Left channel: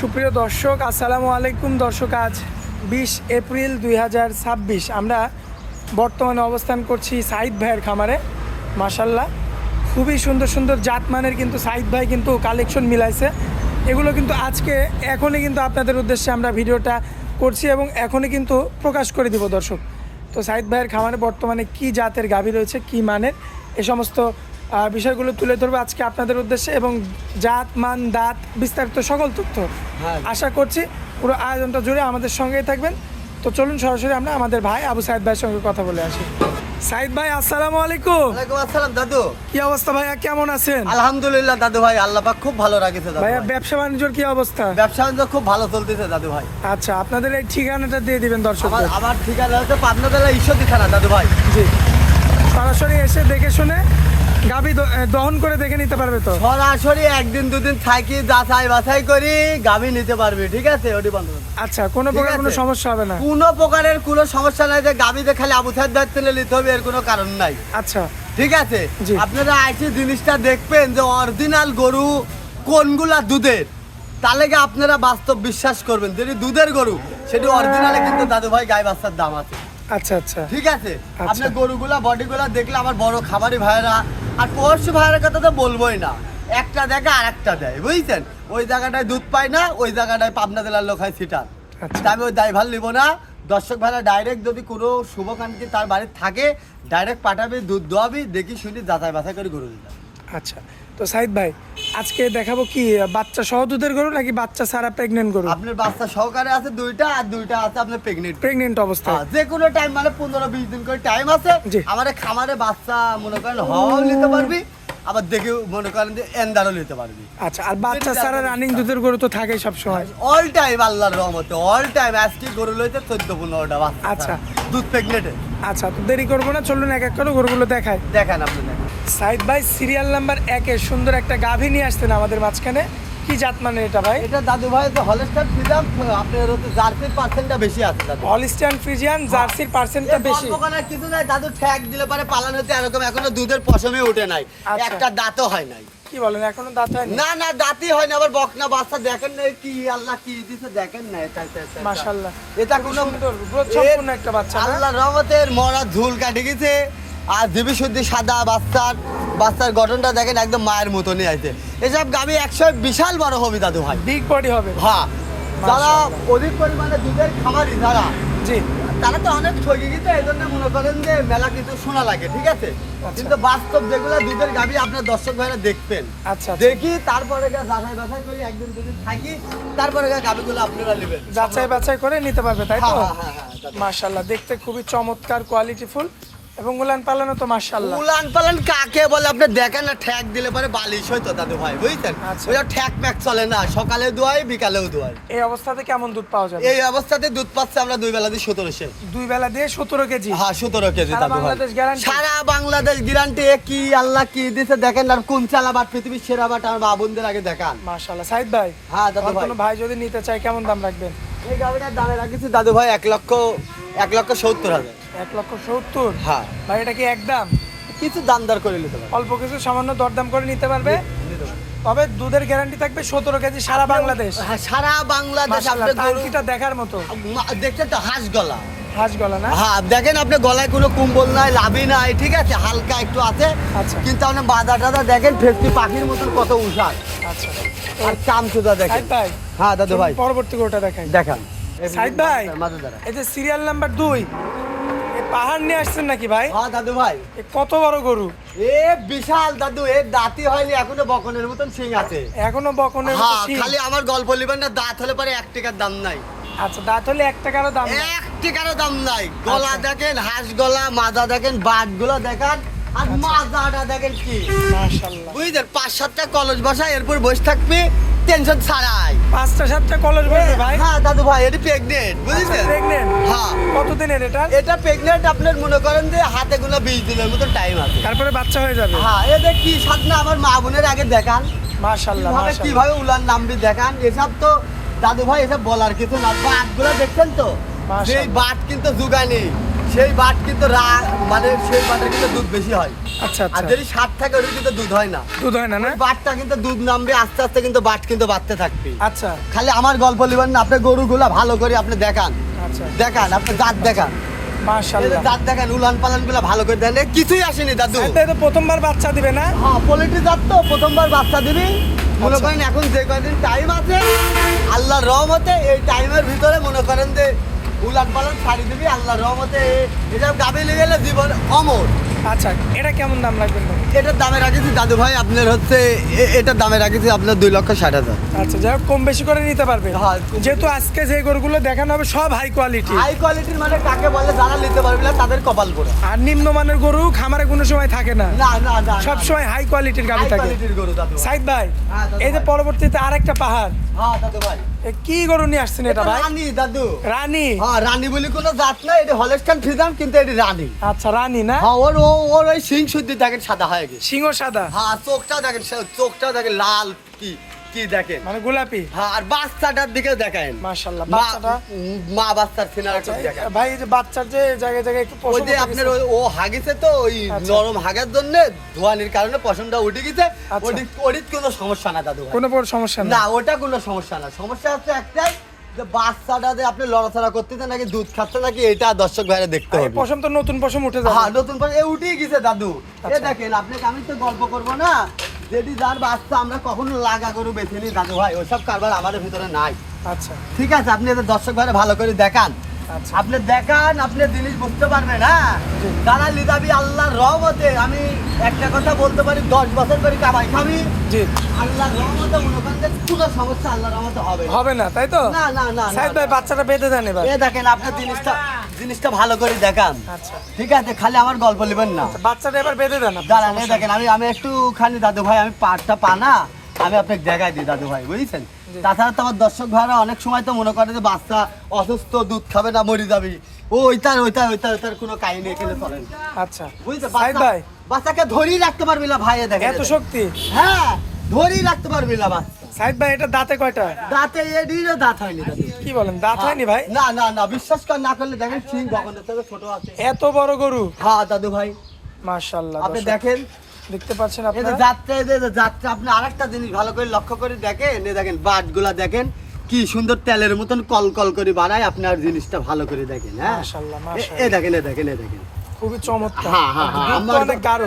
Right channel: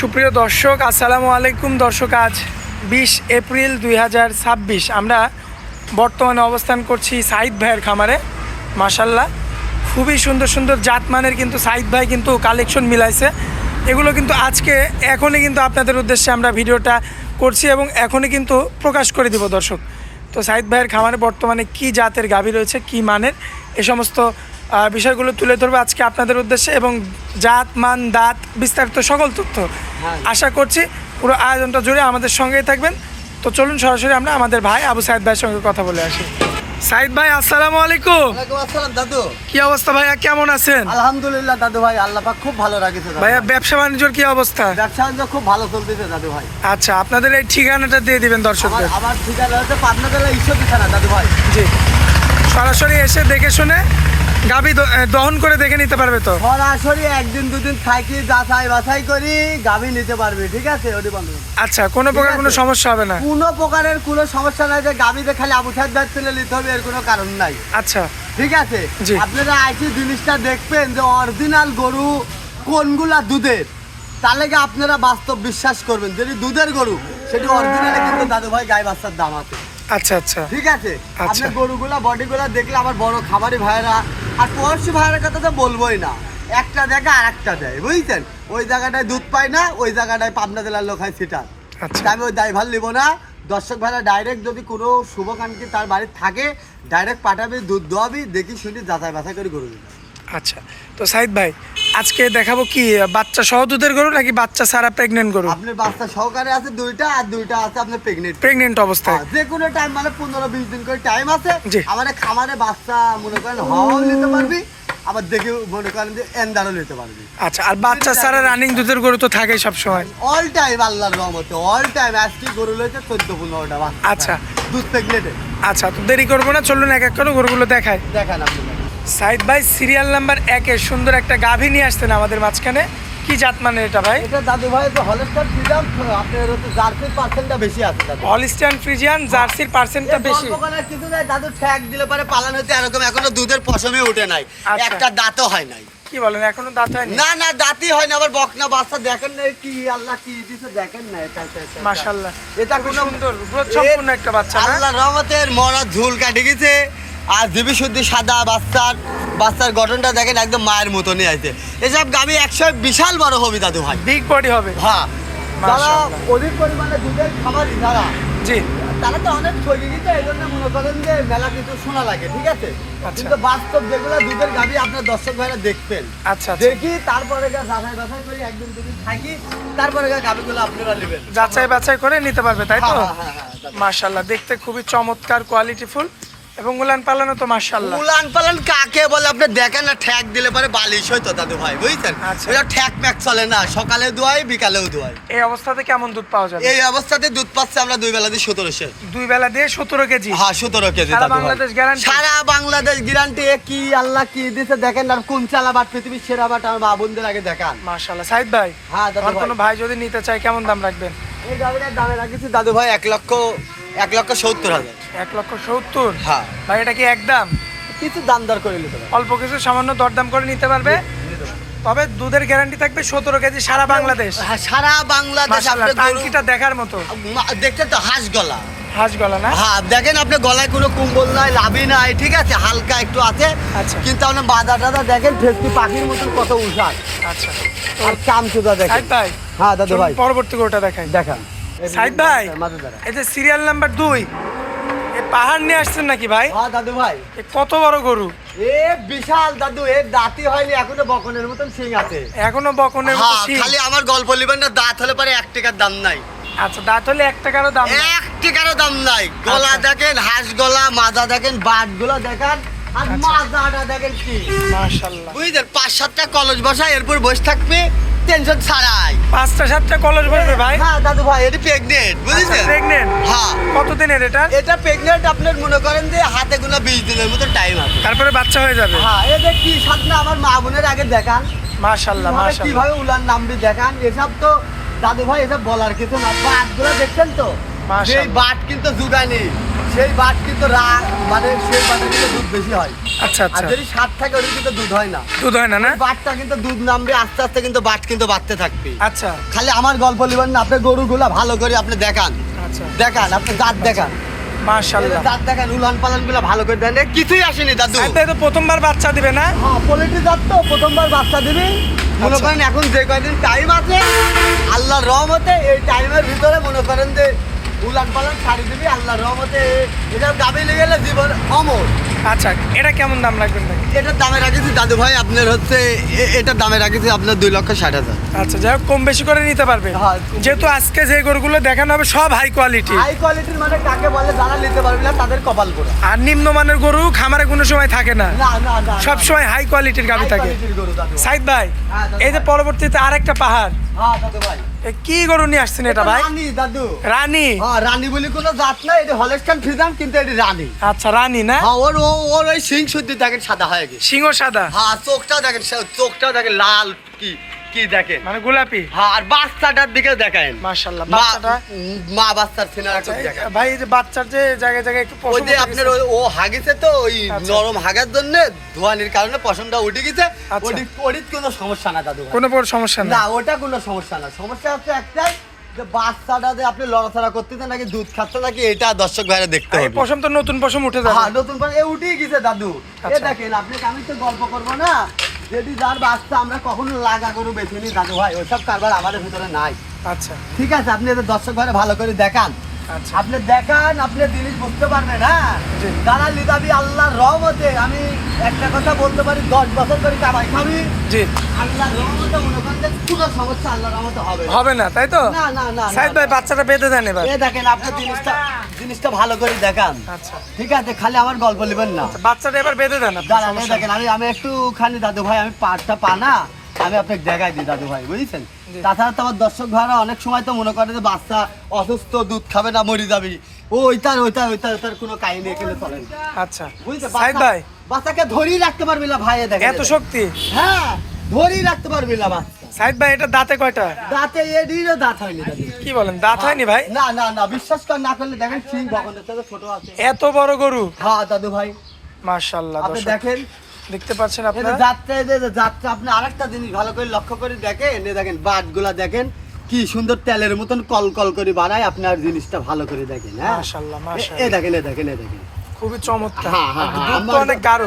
সুপ্রিয় দর্শক, আসসালামু আলাইকুম। দর্শক, আজ 20 এপ্রিল 2026 আমরা বর্তমানে অবস্থান করছি সাইদ ভাইয়ের খামারে। মাশাল্লাহ, খুবই সুন্দর সুন্দর জাতমানের কিন্তু সাইদ ভাই কিন্তু কালেকশন মিলাইছে। এগুলো কিন্তু আজকে এখনই কিন্তু আপনাদের উদ্দেশ্যে আমরা ভিডিওটা করছি এবং এখনই কিন্তু প্রকাশ করে দিব দর্শক। তো সাইদ ভাইয়ের খামারে বর্তমানে কি জাতের গাভী রয়েছে, কি মানের, এ সমস্ত বিষয়গুলো তুলে ধরবে আজকে আপনাদের উদ্দেশ্যে এবং জাত মান দাঁত বিস্তারিত সকল তথ্য আশা করছি পুরো আয়োজনটা জুড়ে আমাদের সঙ্গেই থাকবেন। তো চলুন সরাসরি আমরা আমাদের ভাই আবু সাইদ ভাইয়ের সঙ্গে কথা বলে আসি। সাইদ ভাই, আসসালামু আলাইকুম। ওয়ালাইকুম আসসালাম দাদু। কি অবস্থা ভাইয়া, কেমন আছেন? আলহামদুলিল্লাহ দাদু ভাই, আল্লাহ পাক খুব ভালো রাখেছে দাদু ভাইয়া। ব্যবসা বাণিজ্যর কি অবস্থা? ব্যবসা বাণিজ্য খুব ভালো চলতেছে দাদু ভাই। আচ্ছা, আপনাদের এই ঠিকানাটা দিয়ে দিবেন দর্শকদের। আমার ঠিকানা হচ্ছে পাবনা জেলা ঈশ্বরদী থানা দাদু ভাই। জি, সরাসরি এসে দেখে শুনে গাভী দহন করে দেখে নিতে পারবে তো? সরাসরি একদিন দুদিন থাকি যাচাই বাছাই করি গাভী নিতে পারবে, ঠিক আছে? ওটি বন্ধ। আচ্ছা, কোনো প্রকার কোনো সমস্যা হবে না? কোনো প্রকারের কোনো সমস্যা নাই যে গাভীতে খালি আবু সাইদ ভাই তুলে নিতে হবে, এর কোনো কারণ নাই। আচ্ছা, ঠিক আছে। জি। আপনারা আইসি জিনিসটা দেখবেন যে অরিজিনাল গরু কোনগুলা দুধের, তাহলে কি আপনারা বাস্তব বিশ্বাস করবেন। যদি দুধের গরু সেটি অরিজিনালে কিন্তু দাদু ভাই গায়ে বাচ্চার দাম আছে। আচ্ছা আচ্ছা, ঠিক আছে। আচ্ছা। আপনার গরুগুলা বডিগুলা দেখলে আমার বড় খামারি ভাইরা আর পড়শু ভাইয়ের কথা তো বলবোই না, একটা দেখে আর একটা দেয়, বুঝছেন? ওই জায়গাটায় দুধ পায় না, ওই জায়গাটায় পাবনা জেলার লোক হয় সিটার। আচ্ছা। আমি ওই দায়ভার নিব না। দর্শক ভাইরা ডাইরেক্ট যদি কোনো শুভকাঙ্ক্ষী তার বাড়িতে থাকে ডাইরেক্ট পাঠাবি, দুধ দোয়াবি, দেখি শুনি যাচাই বাছাই করে গরু দিলাম। আচ্ছা, তো সাইদ ভাই আজকে দেখাবো কি বাচ্চা সহ দুধের গরু নাকি বাচ্চা ছাড়া প্রেগনেন্ট গরু? আপনার বাচ্চা সহকারে আছে দুইটা, আর দুইটা আছে আপনার প্রেগনেন্ট অবস্থায়। যে কোনো টাইম মানে 15-20 দিন করে টাইম আছে। জি। আমাদের খামারে বাচ্চা মনে করেন হওয়াও নিতে পারবি, আবার দেখে মনে করেন যে এন্দারও নিতে পারবি। আচ্ছা, আর বাচ্চা ছাড়া রানিং দুধের গরু তো থাকেই সব সময়। অল টাইম আল্লাহর রহমতে অল টাইম। আজকে গরু লইতে 14-15টা বাচ্চা। আচ্ছা। দুধ প্রেগনেন্টে। আচ্ছা, তো দেরি করবো না, চলুন এক এক করে গরুগুলো দেখায়। দেখান আপনি। সাইদ ভাই সিরিয়াল নাম্বার 1-এ সুন্দর একটা গাভী নিয়ে আসতেন আমাদের মাঝখানে। কি জাত মানের এটা ভাই? এটা দাদু ভাই তো হলস্টার ফ্রিজিয়ান, আপনার হচ্ছে জার্সির পার্সেন্টটা বেশি আছে দাদু। হলিস্টিয়ান ফ্রিজিয়ান জার্সির পার্সেন্টটা বেশি। ওখানে কিছু নাই দাদু, ঠ্যাক দিলে পারে পালান হতে এরকম এখনো দুধের পশমই উঠে নাই, আচ্ছা। একটা দাঁতও হয় নাই। কি বলেন, এখনো দাঁত হয়নি? না না, দাঁতই হয় না। আবার বকনা বাচ্চা দেখেন না, কি আল্লাহ কি দিছে দেখেন না। এটা মাশাআল্লাহ, এটা খুব কোনো সুন্দর গ্রোথ সম্পূর্ণ একটা বাচ্চা না? আল্লাহর রহমতের মরা ঝুল কাটে গেছে। আর দিবি শুদ্ধি সাদা বাচ্চার গঠনটা দেখেন একদম মায়ের মতনই আছে। এসব গাভী 100 বিশাল বড় হবে দাদু ভাই। বিগ বডি হবে। হ্যাঁ, যারা মাশাআল্লাহ। অধিক পরিমাণে দুধের খামারি যারা, জি। তারা তো অনেক ঠকে গেছে, এই জন্য মনে করেন যে মেলা কিছু শোনা লাগে, ঠিক আছে? আচ্ছা। কিন্তু বাস্তব যেগুলো দুধের গাভী আপনার দর্শক ভাইরা দেখবেন। আচ্ছা, দেখি তারপরে যাচাই বাছাই করে একদিন দুদিন থাকি, তারপরে গাভীগুলো আপনারা নেবেন, যাচাই বাছাই করে নিতে পারবে, তাই তো? হ্যাঁ। মাশাআল্লাহ, দেখতে খুবই চমৎকার, কোয়ালিটিফুল এবং উলান পালানো তো মাশাআল্লাহ। উলান পালান কাকে বলে আপনি দেখেন না, ঠ্যাক দিলে পরে বালিশ হইতো দাদু ভাই, বুঝছেন? আচ্ছা। এটা ঠ্যাক প্যাক চলে না, সকালে দোয়াই বিকালেও দোয়াই। এই অবস্থাতে কেমন দুধ পাওয়া যাবে? এই অবস্থাতে দুধ পাচ্ছে আমরা 2 বেলা দিয়ে 1700। 2 বেলা দিয়ে 17 কেজি? হ্যাঁ, 17 কেজি সারা দাদু ভাই। বাংলাদেশ গ্যারান্টি? সারা বাংলাদেশ গ্যারান্টি। কি আল্লাহ কি দিছে দেখেন না, কোন চালা বাট পৃথিবীর সেরা বাট আমার মা বোনদের আগে দেখান। মাশাআল্লাহ। সাইদ ভাই, হ্যাঁ দাদু আর ভাই। কোনো ভাই যদি নিতে চায় কেমন দাম রাখবেন? এই গাড়িটার দামে রাখছি দাদু ভাই 1,70,000। 1,70,000? হ্যাঁ। ভাই এটা কি একদম? কিছু দাম দর করে নিতে পারবেন। অল্প কিছু সামান্য দরদাম করে নিতে পারবে, তবে দুধের গ্যারান্টি থাকবে 17 কেজি সারা বাংলাদেশ। হ্যাঁ, সারা বাংলাদেশ। মাশাআল্লাহ, আপনার গরু- টাঙ্কিটা দেখার মতো। দেখতে তো হাঁস গলা। হাঁস গলা না? হ্যাঁ, দেখেন আপনি গলায় কোনো কুম্বল নাই, লাভি নাই, ঠিক আছে? হালকা একটু আছে। আচ্ছা। কিন্তু আপনি বাদা টাদা দেখেন ঠেকটি পাখির মতন কত উষার। আচ্ছা, আর চামচুদা দেখেন। সাইদ ভাই, হ্যাঁ দাদু ভাই, চলুন পরবর্তী গরুটা দেখাই। দেখান। সাইদ ভাই, মাঝে দাঁড়া। এই যে সিরিয়াল নাম্বার 2, এই পাহাড় নিয়ে আসছেন নাকি ভাই? হ্যাঁ দাদু ভাই, এ কত বড় গরু! এ বিশাল দাদু, এর দাঁতই হয়নি এখনো, বকনের মতন সিং আছে। এখনো বকনের মতো হ্যাঁ, শিং। খালি আমার গল্প লিবেন না, দাঁত হলে পরে 1 টাকার দাম নাই। আচ্ছা, দাঁত হলে 1 টাকারও দাম না? 1 টাকারও দাম নাই। গলা আচ্ছা। দেখেন, হাঁস গলা, মাজা দেখেন, বাট গুলো দেখেন, আর আচ্ছা। মাজাটা দেখেন কি। মাশাআল্লাহ, বুঝলেন? 5-7টা কলস বসা, এরপর বসে থাকবে টেনশন ছাড়াই। 5টা-7টা কলস বসবে ভাই? হ্যাঁ দাদু ভাই, এটি প্রেগনেন্ট, বুঝেছেন? প্রেগনেন্ট? হ্যাঁ। কতদিনের এটা? এটা প্রেগনেন্ট, আপনার মনে করেন যে হাতে গোনা 20 দিনের মতো টাইম আছে। তারপরে বাচ্চা হয়ে যাবে? হ্যাঁ, এদের কি সাথে আমার মা বোনের আগে দেখান, মাশাআল্লাহ কিভাবে মাশাআল্লাহ। কিভাবে উলান নামবি দেখান। এসব তো দাদু ভাই এসব বলার কিছু না। বাটগুলো দেখছেন তো, মাশাআল্লাহ। এই বাট কিন্তু জুগানি, সেই বাট কিন্তু মানে সেই বাটে কিন্তু দুধ বেশি হয়। আচ্ছা আর আচ্ছা, যদি 60 থাকে ওর কিন্তু দুধ হয় না। দুধ হয় না না? বাটটা কিন্তু দুধ নামবে আস্তে আস্তে, কিন্তু বাট কিন্তু বাড়তে থাকবে। আচ্ছা খালি আমার গল্প লিবেন না, আপনি গরুগুলা ভালো করে আপনি দেখান, আচ্ছা, দেখান আপনি দাঁত দেখান, মাশাআল্লাহ। দাঁত দেখান, উলান পালান গুলা ভালো করে দেন। কিছুই আসেনি দাদু। সাইদ ভাই তো প্রথমবার বাচ্চা দিবে না? হ্যাঁ, পোল্ট্রি জাত তো প্রথমবার বাচ্চা দিবি। মনে আচ্ছা। করেন এখন যে কয়দিন টাইম আছে আল্লাহর রহমতে, এই টাইমের ভিতরে মনে করেন যে উলান পালান ছাড়ি দিবি আল্লাহর রহমতে। এটা দাবি লেগে গেলে জীবন অমর। আচ্ছা, এটা কেমন দাম রাখবেন ভাই? এটার দামে রাখেছি দাদু ভাই আপনার হচ্ছে এটার দামে রাখেছি আপনার 2,60,000। আচ্ছা, যাই হোক কম বেশি করে নিতে পারবে। হ্যাঁ। যেহেতু আজকে যে গরুগুলো দেখানো হবে সব হাই কোয়ালিটি, হাই কোয়ালিটির মানে কাকে বলে, যারা নিতে পারবে না তাদের কপাল পোড়া। আর নিম্নমানের গরু খামারে কোনো সময় থাকে না, না না না, সব সময় হাই কোয়ালিটির গাভী হাই থাকে। কোয়ালিটির গরু দাদু। সাইদ ভাই, হ্যাঁ, দাদু এই যে ভাই। পরবর্তীতে আরেকটা পাহাড়, হ্যাঁ দাদু ভাই, এ কি গরু নিয়ে আসছেন এটা ভাই? রানী দাদু। রানী? হ্যাঁ, রানী বলে কোনো জাত না, এটা হলস্টাইন ফ্রিজিয়ান, কিন্তু এটা রানী। আচ্ছা, রানী না? হ্যাঁ, ওর ওই সিং শুদ্ধি দেখেন সাদা হয়ে গেছে। সিংহ সাদা, হ্যাঁ, চোখটাও দেখেন, চোখটাও দেখেন লাল, কি কি দেখেন। মানে গোলাপি। হ্যাঁ, আর বাচ্চাটার দিকে দেখেন মাশাআল্লাহ, বাচ্চাটা। মা বাচ্চার সিনার আচ্ছা, চোখ দেখেন। ভাই এই যে বাচ্চার যে জায়গায় জায়গায় একটু ওই পশম যে উঠে আপনার গেছে। ও হাগেছে তো, ওই আচ্ছা। নরম হাগার জন্য ধোয়ানির কারণে পশমটা উঠে গেছে। আচ্ছা। ওদিক কোনো সমস্যা না দাদু ভাই। কোনো বড় সমস্যা না, না। ওটা কোনো সমস্যা না। সমস্যা হচ্ছে একটাই, যে বাচ্চাটা যে আপনি লড়াচড়া করতেছে নাকি দুধ খাচ্ছে নাকি, এটা দর্শক ভাইরা দেখতে এই হবে। পশম তো নতুন পশম উঠে যাবে। হ্যাঁ, নতুন করে উঠেই গেছে দাদু। আচ্ছা। এ দেখেন, আপনাকে আমি তো গল্প করবো না, যদি যার বাচ্চা আমরা কখনো লাগা গরু বেছে নিই দাদু ভাই, ওইসব কারবার আমাদের ভিতরে নাই। আচ্ছা ঠিক আছে, আপনি এদের দর্শক ভাইরা ভালো করে দেখান, আচ্ছা, আপনি দেখান, আপনি জিনিস বুঝতে পারবেন। হ্যাঁ, জি। যারা লিদাবি আল্লাহর রহমতে, আমি একটা কথা বলতে পারি, 10 বছর ধরে কামাই খাবি জি, আল্লাহর রহমতে, মনে করেন যে কোনো সমস্যা আল্লাহর রহমতে হবে না। হবে না তাই তো? না না না, সাইদ ভাই বাচ্চাটা বেঁধে দেন এবার। এ দেখেন, আপনি জিনিসটা ভালো করে দেখান। আচ্ছা, ঠিক আছে, খালি আমার গল্প নেবেন না। বাচ্চাটা এবার বেঁধে দেন আপনি, দাঁড়ান, এই সমস্যা নেই। দেখেন, আমি একটুখানি দাদু ভাই, আমি পাটটা পানা আমি আপনাকে দেখাই দিই দাদু ভাই, বুঝেছেন। জি। তাছাড়া তো আমার দর্শক ভাইরা অনেক সময় তো মনে করে যে বাচ্চা অসুস্থ, দুধ খাবে না, মরে যাবি, ওইটার কোনো কাহিনী এখানে চলে না। আচ্ছা বুঝতে সাইদ ভাই, বাচ্চাকে ধরেই রাখতে পারবি না ভাই, দেখেন এত শক্তি? হ্যাঁ, ধরেই রাখতে পারবি না বাচ্চা। সাইদ ভাই, এটা দাঁতে কয়টা? দাঁতে এদিকে দাঁত হয়নি দাদু। কি বলেন, দাঁত হয়নি ভাই? না না না, বিশ্বাস কর, না করলে দেখেন সিং বগলের থেকে ছোট আছে। এত বড় গরু? হ্যাঁ দাদু ভাই, মাশাআল্লাহ, আপনি দর্শক দেখেন দেখতে পাচ্ছেন এই যে আপনারা। যাত্রা আপনি আরেকটা জিনিস ভালো করে লক্ষ্য করে দেখেন, এই দেখেন বাটগুলা দেখেন কি সুন্দর তেলের মতন কল কল করে বানায়, আপনার জিনিসটা ভালো করে দেখেন। হ্যাঁ, মাশাআল্লাহ, এই মাশাআল্লাহ, দেখেন, এই দেখেন, এই দেখেন। খুবই চমৎকার। হ্যাঁ, হ্যাঁ, হ্যাঁ, দুধ তো অনেক গাঢ়।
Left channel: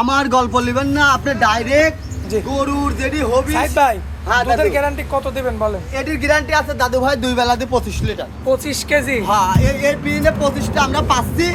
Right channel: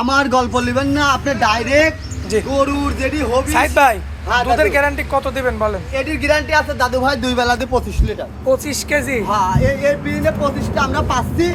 আমার গল্প নেবেন না, আপনি ডাইরেক্ট জি। গরুর যেটি হবি। সাইদ ভাই, হ্যাঁ, দুধের দাদু। গ্যারান্টি কত দিবেন বলেন? এটির গ্যারান্টি আছে দাদু ভাই 2 বেলাতে 25 লিটার। 25 কেজি? হ্যাঁ, এই বিনে 25টা আমরা পাচ্ছি,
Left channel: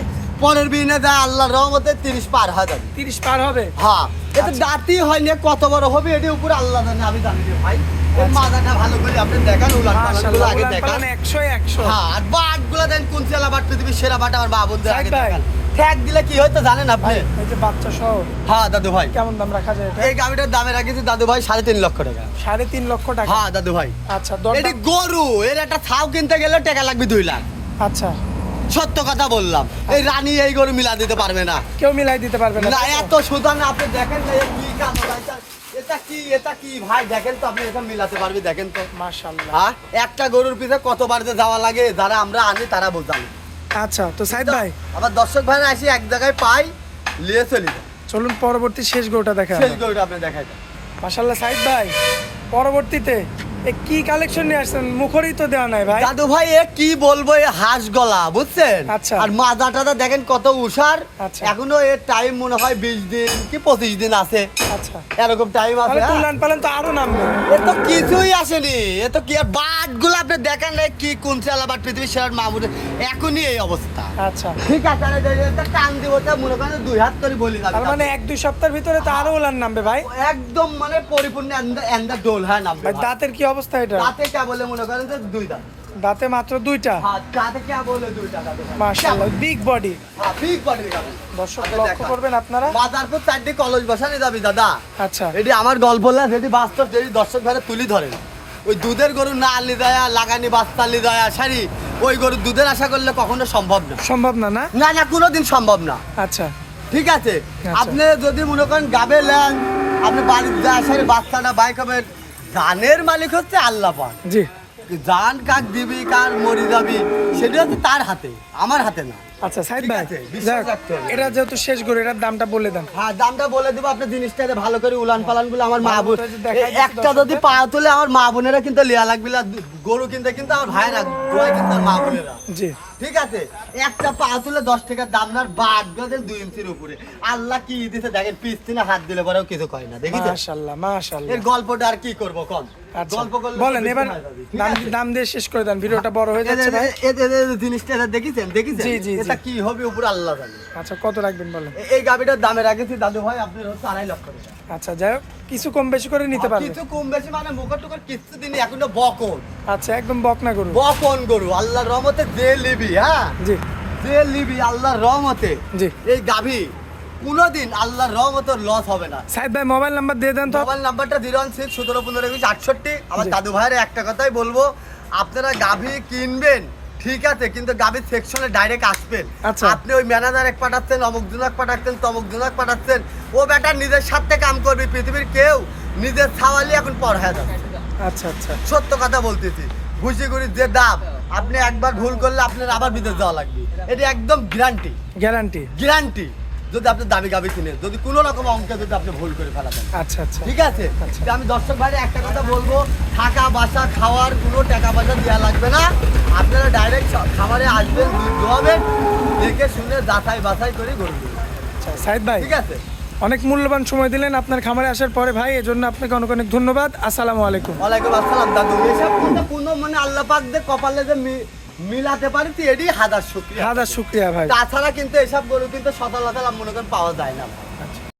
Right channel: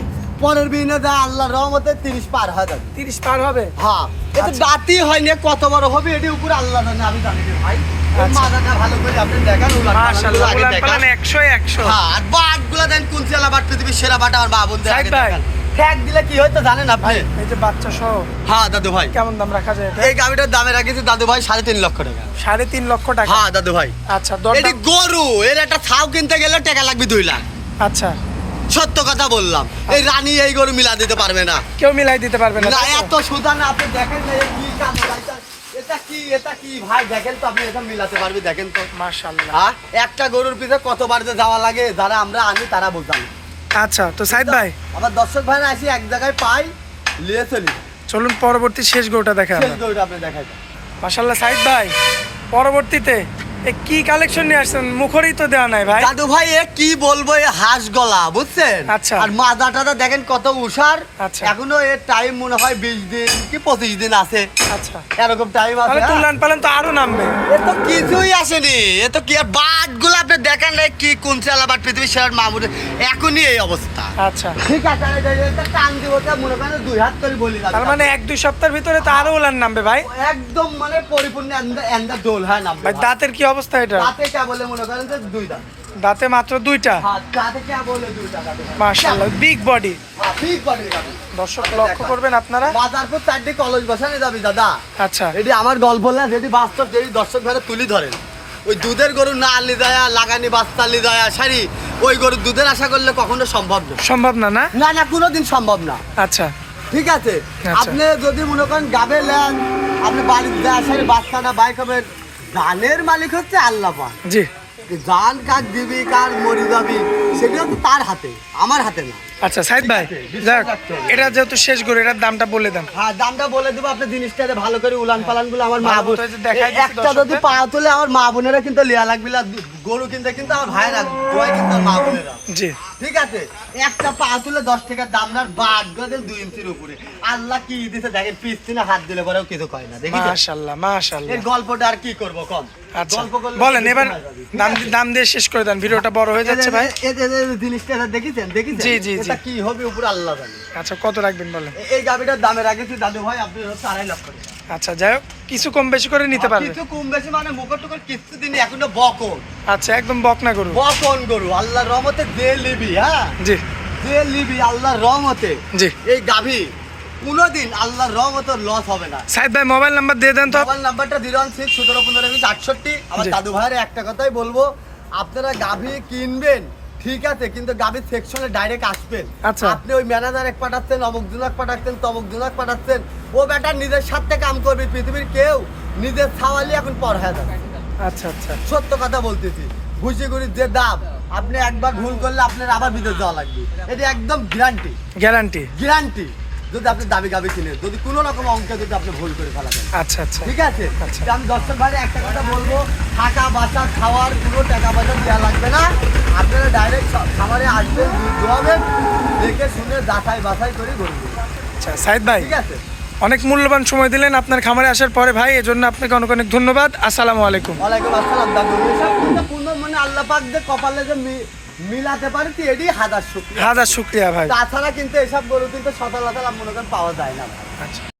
পরের বিনে যা আল্লাহর রহমতে 30 পার হয়ে যাবে। 30 পার হবে? হ্যাঁ, এটা আচ্ছা। দাঁতই হয়নি, কত বড় হবে এটির উপরে আল্লাহ জানে, আমি জানি না ভাই। এর আচ্ছা। মাথাটা ভালো করে আপনি দেখেন, মাশাআল্লাহ, আগে উলান দেখেন। পালান 100 100। হ্যাঁ, আর বাটগুলো দেন, কোন চেলা বাট পৃথিবীর সেরা বাট, আমার মা বোন সাইদ ভাই। ঠ্যাক দিলে কি হইতো জানেন আপনি? ভাই এই যে বাচ্চা সহ হ্যাঁ দাদু ভাই, কেমন দাম রাখা যায় এটা? এই গাড়িটার দামে রাখেছি দাদু ভাই 3.5 লক্ষ টাকা। 3.5 লক্ষ টাকা? হ্যাঁ দাদু ভাই, আচ্ছা, এটি দরদাম? গরু, এর একটা ছাউ কিনতে গেলে টাকা লাগবে 2 লাখ। আচ্ছা, সত্য কথা বললাম, এই রানী এই গরু মিলা দিতে পারবে না। কেউ মিলাই দিতে পারবে না না, তাই তো? এত সুদান আপনি দেখেন যে কি কাম, এটা কি ভাই, দেখেন তো আপনি, এটা মিলাতে পারবে, দেখেন তো। মাশাআল্লাহ। হ্যাঁ, একটা গরুর পিছে কতবার যে যাওয়া লাগে, যারা আমরা আনি তারা বোঝাই। আচ্ছা, তো সাইদ ভাই আমার দর্শক ভাইরা আসি এক জায়গায় পাই, নিয়ে চলি যায়। চলুন পরবর্তী শেষ গরুটা দেখাই শেষ আমরা। গরুটা আপনি দেখাই দেন। মাশাআল্লাহ, সাইদ ভাই পরবর্তীতে এ কি কালেকশন নিয়ে আসছেন? মুখরই তো দেওয়া নাই ভাই। দাদু ভাই, এ কি বলবো, এ হাঁস গলা, বুঝছেন? আচ্ছা। আর মাজা টাজা দেখেন কত উষার। আচ্ছা। এখনো এর টাইম মনে হয় 20 দিন কি 25 দিন আছে, আচ্ছা, এরকম টাইম তাহলে আছে। তুলান পালান তো আরো নামবে। এ তো কিছুই আসেনি, এ তো কি আর বাট গুলো আপনি দেখেন না, কি কোন চালা বাট পৃথিবীর সেরা মামুর, এখনই এই অবস্থা। আচ্ছা, ঠিক আছে, আর এটা টান দিব, তা মনে করেন 2 হাত করে বলি না। তার মানে 1-2 সপ্তাহের ভিতরে তো আরো উলান নামবে ভাই। একদম মানে পরিপূর্ণ এন্ডা ডোল, হ্যাঁ নাম। ভাই দাঁতের কি অবস্থা এটা? দাঁতে কে বলে মনে করেন যে 2 দাঁত। দাঁতে মাত্র 2টা? হ্যাঁ, দাঁতে কে বলে 2 দাঁত। মাশাআল্লাহ, বিগ বডি। হ্যাঁ, ঠিক বলে দাদা। দর্শক আপনি লক্ষ্য দেখান। করবেন আপনারা। বাজারপুর 4টি কলেজ বসানো যাবি দাদা। আচ্ছা, এটি আমার গল্প না, যেটি বাস্তব, যেটি দর্শক ঘরে তুলি ধরেন। ওই দুধের গরু না আলি দেয়া, লাগানি বাচ্চা আলি দেয়া, সারি ওই গরু দুধের আশা করলে কখনো সম্ভব না। সম্ভব না না? না না, কোনোদিন সম্ভব না। আচ্ছা, ঠিক আছে, আচ্ছা। আপনি যদি মনে করেন গাবে নেন, আপনি বাড়ির যা আসার বাচ্চাটা বাইক হবে, ধানের মালিক হচ্ছে আল্লাহ পাক। জি, জান কাক দিবি কার মরি যাবি সেটা তো তার হাতে, আমার হাতে না। আচ্ছা সাইদ ভাই, ঠিক আছে, বিশ্বাস যাক রাখতে হবে। এটা যেহেতু শেষ গরু, এটার দামটা বলে দেন। হ্যাঁ দামটা বলে দিব, আপনি জিনিসটা ভালো করে উলান পালান গুলো আমার মা ভালো বোন মতো এই যে দেখাই দিচ্ছি একটা যদি দর্শকদের। পা তুলে আমার মা বোনেরা কিন্তু লিয়া লাগবে না, গরু কিনতে কিন্তু আমার ভাইরা দোয়া কিন্তু আমার মা বোনেরা। জি ঠিক আছে, একটা পা তুলে 10 টাকার দাম না, বাদ গেল 2 ইঞ্চির উপরে। আল্লাহ কি দিতে দেখেন, পিছনে হাত দিলে পরেও কিছু কয় না, দেখি মাশাআল্লাহ মাশাআল্লাহ। এর গল্পটা আর কি করব কম। আচ্ছা গল্প করলে বলেন বেশি এবার সময় যাবে, ঠিক দাম আছে? দাম দিয়ে শেষ করে দেন, ভিডিওটা বড় হয়ে যাচ্ছে ভাই। জিনিসটা দেখেছেন জি, জি, জি। এটা কি হবে উপরে আল্লাহ জানে। আচ্ছা কত রাখবেন বলেন। এই গাবিটার দামে রাখেছি দাদু ভাই আপনি হচ্ছে 2.5 লক্ষ টাকা। আচ্ছা যাই হোক, কিছু কম বেশি করে নিতে পারবেন। কিছু কম বেশি মানে মুখর টুকর কিছু দিন এখনো বকন আচ্ছা একদম বকনা গরু। বকন গরু আল্লাহর রহমতে যে লিবি, হ্যাঁ জি যে লিবি আল্লাহর রহমতে, জি এই গাভী কোনোদিন আল্লাহর রহমতে লস হবে না। সাইদ ভাই মোবাইল নাম্বার দিয়ে দেন তো। মোবাইল নাম্বারটা 016-17-15-68। আমার জি। দাদু ভাইয়ের একটা কথাই বলবো, আপনারা গাভী কিনবেন ঠিক আছে, কিন্তু গাভীর সেকশনে ডাইরেক্ট আসবেন। আচ্ছা। আপনি ওই ম্যানেজার এক পাঠাচ্ছেন, অমুক জনক পাঠাচ্ছেন, তমুক জনক পাঠাচ্ছেন, ও বেটার নিজের সাথে কাম করবে, পৃথিবীর কেউ নিজের ছাওয়ালি এখন পর হয়ে যাচ্ছে। আচ্ছা আচ্ছা সত্য কথা বলতেছি, ঘুষিগুড়ির যে দাম, আপনি একবার ভুল করলে আপনার আবার বিদেশ যাওয়া লাগবে, এটা একদম গ্যারান্টি গ্যারান্টি। গ্যারান্টি। যদি আপনি দাবি গাবি কিনে যদি কোনো রকম অঙ্কে যদি আপনি ভুল করে ফেলাবেন, আচ্ছা আচ্ছা ঠিক আছে? আচ্ছা। তো আমি দর্শক ভাই একটা কথা বলবো, থাকা বাসা খাওয়ার কোনো টাকা পয়সা দেওয়া লাগবে না, আপনারা ডাইরেক্ট খাবারে আসবেন, দুধ দোয়াবেন, দেখে শুনে যাচাই বাছাই করে করবেন, আচ্ছা সাইদ ভাই ঠিক আছে? অনেক মূল্যবান সময় দিলেন আপনার খামারে আসার পরে ভাই, এজন্য আপনাকে অনেক অনেক ধন্যবাদ। আসসালামু আলাইকুম। ওয়ালাইকুম আসসালাম দাদু। এসব কিন্তু কোনো মানে আল্লাহ পাক যে কপালে যে মিলাতে পারি তো এটাই হাজার শুকরিয়া। হাজার শুক্রিয়া ভাই। তাছাড়া কিন্তু এসব গরু কিন্তু সচরাচর মনে করেন পাওয়া যায় না ভাই। আচ্ছা।